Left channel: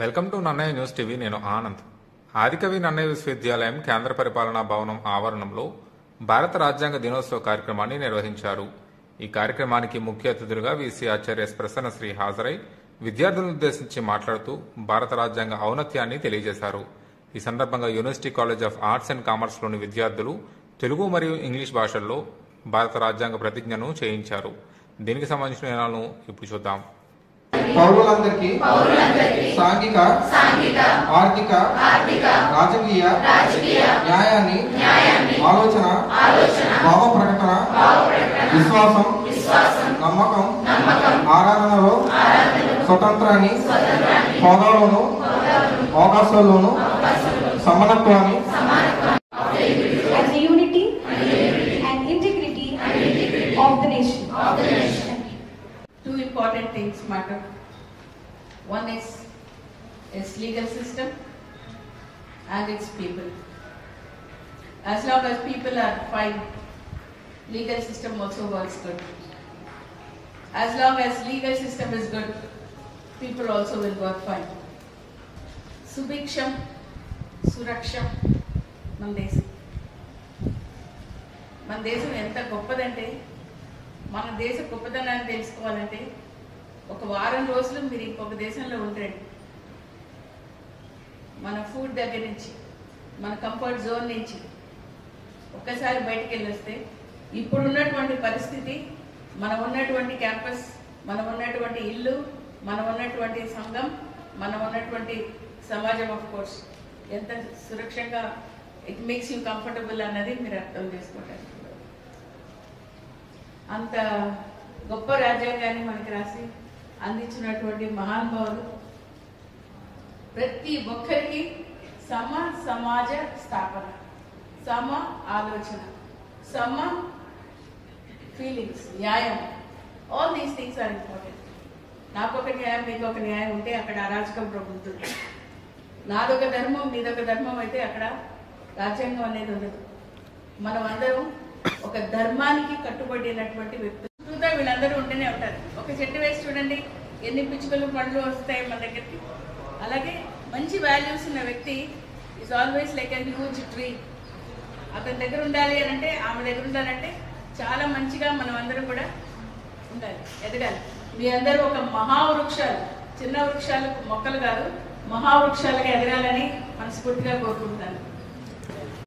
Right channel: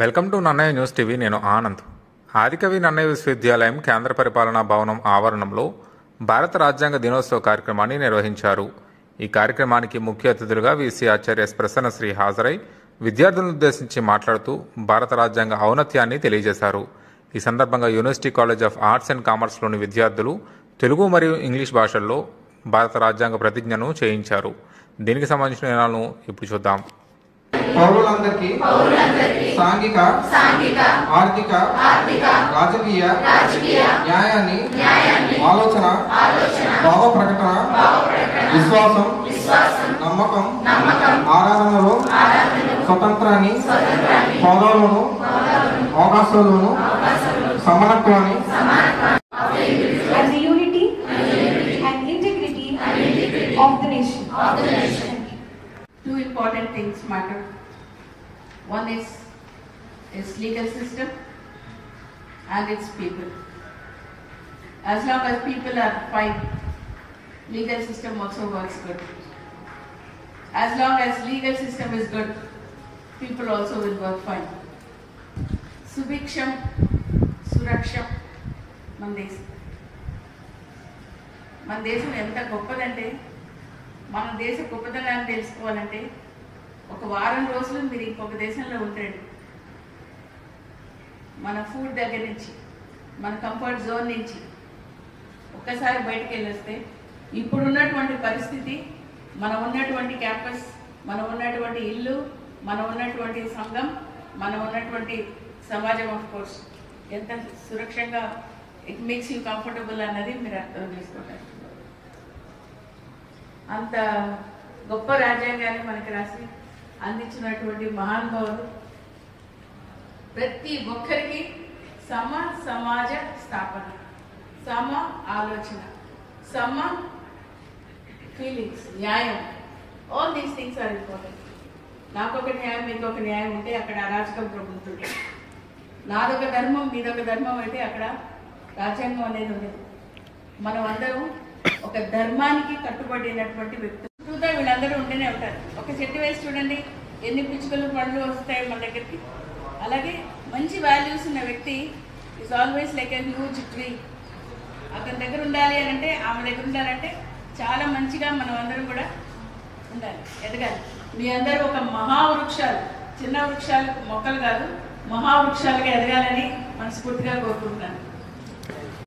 Welcome to Nannayya news TV. నేను ఆనంద్. ఆదికవి నన్నయ్య విశ్వవిద్యాలయం కేంద్ర పరిపాలనా భవనం ఆవరణంలో భారత రాజ్యాంగ దినోత్సవ కార్యక్రమాన్ని నిర్వహించారు. ఈ కార్యక్రమానికి ముఖ్య అతిథులుగా వీసీ ఆచార్య ఎస్ ప్రసన్నశ్రీ హాజరై విద్యార్థులను ఉద్దేశించి మాట్లాడుతూ భారత రాజ్యాంగ ఔన్నత్యాన్ని తెలియజేశారు. ఈ సందర్భంగా university college of arts and కామర్స్లోని విద్యార్థులు తెలుగు మరియు ఇంగ్లీష్ భాషల్లో భారత రాజ్యాంగ ప్రతిజ్ఞను చేయించారు. దీనికి సంబంధించిన వివరాలను ఇప్పుడు చూద్దాం. పౌరులందరికీ సాంఘిక ఆర్థిక రాజకీయ న్యాయాన్ని ఆలోచన భావ ప్రకటన విశ్వాసం నమ్మకం ఆరాధనలో స్వతంత్రాన్ని పౌరులను అవకాశాలను సమానత్వాన్ని and the unity and integrity of the nation. Two important things matter. One is its legal system and its people. As long as people are fine, legal system also works good. As long as legal system is good, people also will work fine. Subhiksham, Suraksham, మన దేశం ఎంత గొప్పదంటే, మన దేశ గొప్పతనాన్ని తెలుసుకోవాలంటే ఒక వారం రోజులు మీరు ఇంకొక దేశంలో ఉంటారు. మన ఫుడ్ దగ్గర నుంచి, మన కంఫర్ట్ జోన్ నుంచి ఒక్కసారి బయటకు వెళ్ళొస్తే ఇప్పుడు ఉన్నటువంటి పరిస్థితి, మనం ఉన్నటువంటి క్యాంపస్, మనం ఉన్నటువంటి ఇల్లు, మనం ఉన్నటువంటి సంఘం, మనం ఉన్నటువంటి సమాజం ఆఫ్ కోర్స్ ఎంత సురక్షంగా ఇట్ మేక్స్ యూ కంఫర్టబుల్ అన్నది మీరు అర్థం చేసుకుంటారు. అంత గొప్ప రాజ్యాంగాన్ని మనకి రాసి అందించినటువంటి మహానుభావులు ప్రతి ఒక్కరికి సమ సమాజ స్థాపన, సమ ఆలోచన, సమ ఫీలింగ్స్, న్యాయం, all these things are important. నాకొక న్యాయం, మీకొక న్యాయం ఉంటే అక్కడ అరాచకం ప్రభుత్వం. నాదొక ధర్మం, నీదొక ధర్మం అయితే అక్కడ రాజ్యాంగం అనేది ఉండదు. మనం అందరం ఒక ధర్మానికి కట్టుబడినటువంటి వ్యక్తులు. చూద్దాం, వీళ్ళందరూ ఉంటూనే ఉంటారు. ఒక చెట్టు వేసి చూడండి, ఎన్ని పిచ్చుకలు పండ్లు వస్తాయి మన దగ్గరికి. అలాగే మంచి వాల్యూస్ ఉన్న వ్యక్తి is always like a huge tree. అతని దగ్గర ఉండాలి అని అంటే, ఆమె దగ్గర ఉండాలంటే చాలా మంచిగా మనం అందరం కూడా ఉండాలి, ఎదగాలి. మీ అందరూ ఒక మహావృక్షాలు, చిన్న వృక్షాలు మొక్కలు కాదు, మహావృక్షాలుగా ఎదగాలని మనస్ఫూర్తిగా కోరుకుంటున్నాను.